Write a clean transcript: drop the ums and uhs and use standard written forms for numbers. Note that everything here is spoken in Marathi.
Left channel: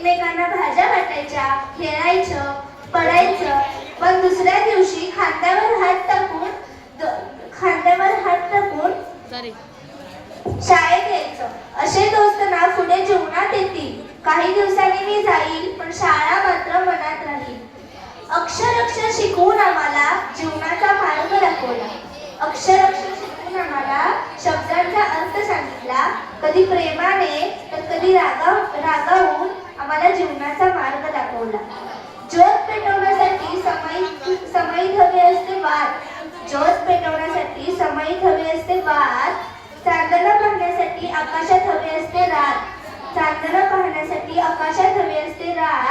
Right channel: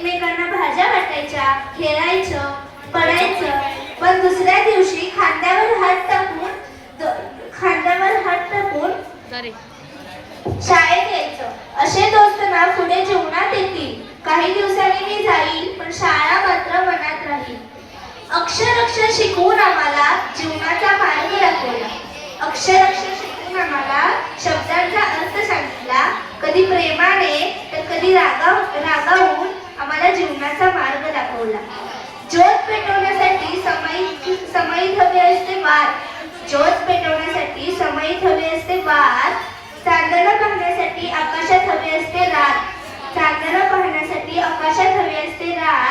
एकमेकांना भाज्या वाटायच्या, खेळायचं, पडायचं, पण दुसऱ्या दिवशी खांद्यावर हात टाकून शाळेत यायचं. असे दोस्त ना पुढे जीवनात येतील. काही दिवसांनी मी जाईल, पण शाळा मात्र मनात राहील. अक्षर शिकवून आम्हाला जीवनाचा मार्ग दाखवला. अक्षर शिकवून आम्हाला शब्दांचा अर्थ सांगितला. कधी प्रेमाने तर कधी रागावून आम्हाला जीवनाचा मार्ग दाखवला. ज्योत पेटवण्यासाठी समईत हवे असते वार. ज्योत पेटवण्यासाठी समईत हवे असते वार. चांदणं पाहण्यासाठी आकाशात हवे असते रात. चांदणं पाहण्यासाठी आकाशात हवे असते रात.